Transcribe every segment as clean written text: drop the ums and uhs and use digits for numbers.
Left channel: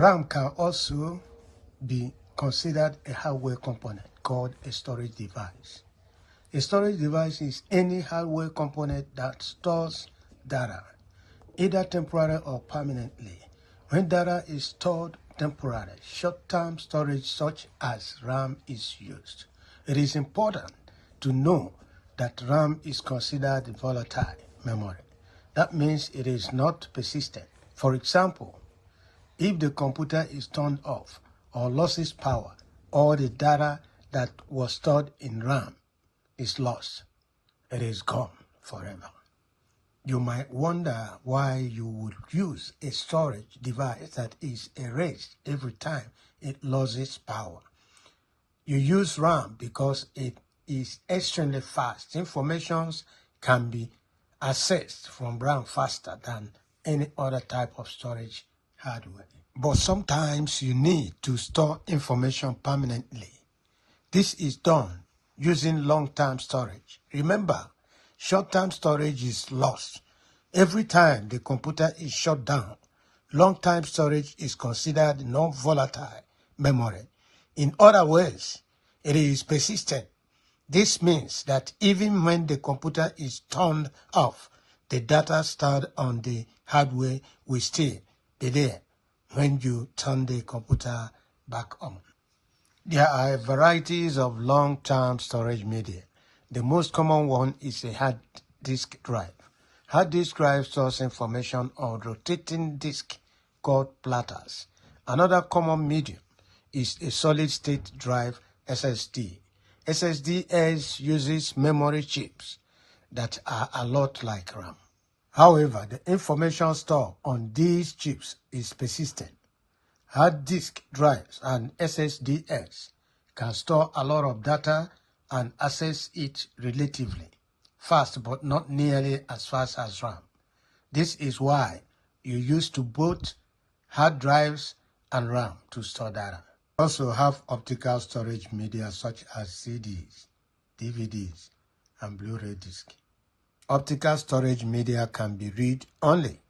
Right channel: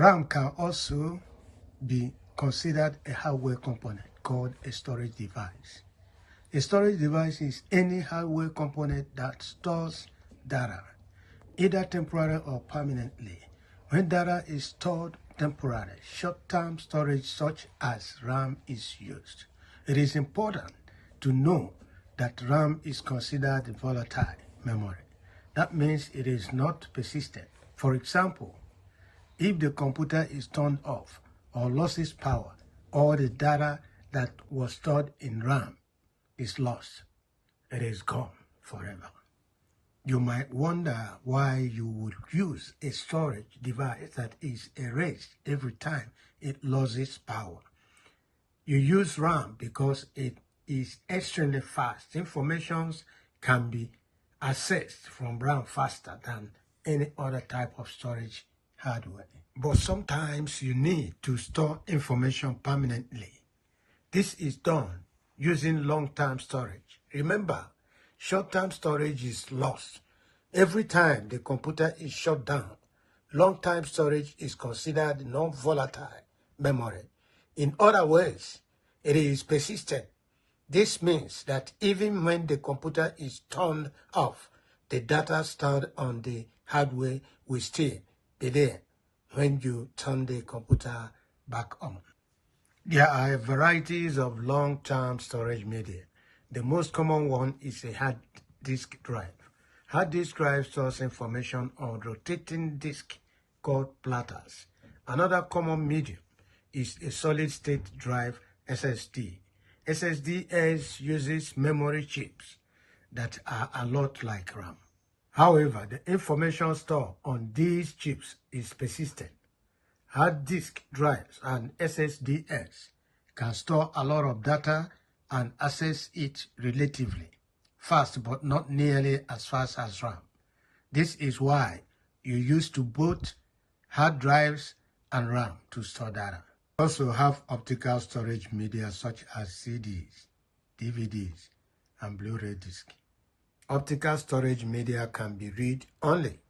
RAM can also be considered a hardware component called a storage device. A storage device is any hardware component that stores data, either temporarily or permanently. When data is stored temporarily, short-term storage such as RAM is used. It is important to know that RAM is considered volatile memory. That means it is not persistent. For example, if the computer is turned off or loses power, all the data that was stored in RAM is lost. It is gone forever. You might wonder why you would use a storage device that is erased every time it loses power. You use RAM because it is extremely fast. Information can be accessed from RAM faster than any other type of storage hardware. But sometimes you need to store information permanently. This is done using long-term storage. Remember, short-term storage is lost. Every time the computer is shut down, long-term storage is considered non-volatile memory. In other words, it is persistent. This means that even when the computer is turned off, the data stored on the hardware will still be there when you turn the computer back on. There are varieties of long-term storage media. The most common one is a hard disk drive. Hard disk drive stores information on rotating disk called platters. Another common medium is a solid-state drive, SSD. SSDs uses memory chips that are a lot like RAM. However, the information stored on these chips is persistent. Hard disk drives and SSDs can store a lot of data and access it relatively fast, but not nearly as fast as RAM. This is why you use to both hard drives and RAM to store data. We also have optical storage media such as CDs, DVDs, and Blu-ray discs. Optical storage media can be read-only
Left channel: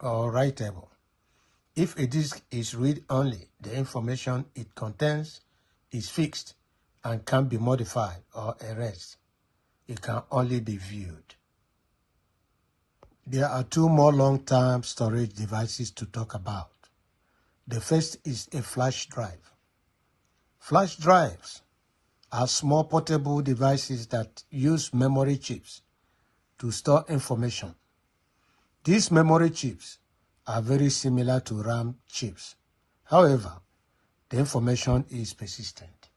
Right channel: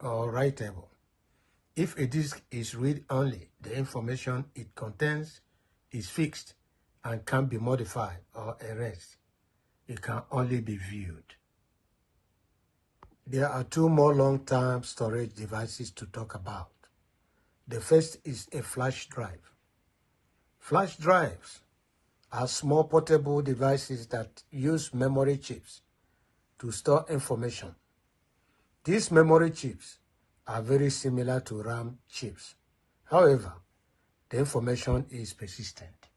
or writable. If a disk is read-only, the information it contains is fixed and can be modified or erased. It can only be viewed. There are two more long-term storage devices to talk about. The first is a flash drive. Flash drives are small portable devices that use memory chips to store information. These memory chips are very similar to RAM chips. However, the information is persistent.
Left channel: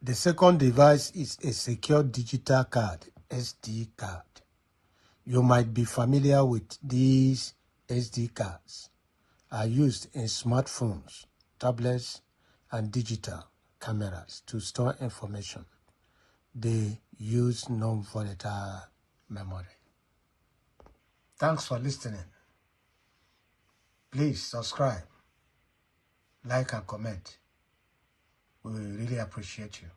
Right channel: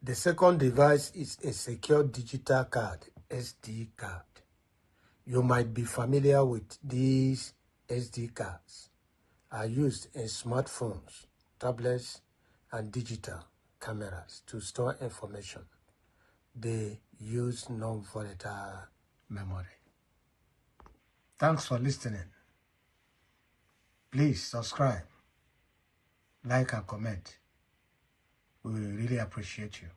The second device is a secure digital card, SD card. You might be familiar with these SD cards. Are used in smartphones, tablets, and digital cameras to store information. They use non-volatile memory. Thanks for listening. Please subscribe, like, and comment. We will really appreciate you.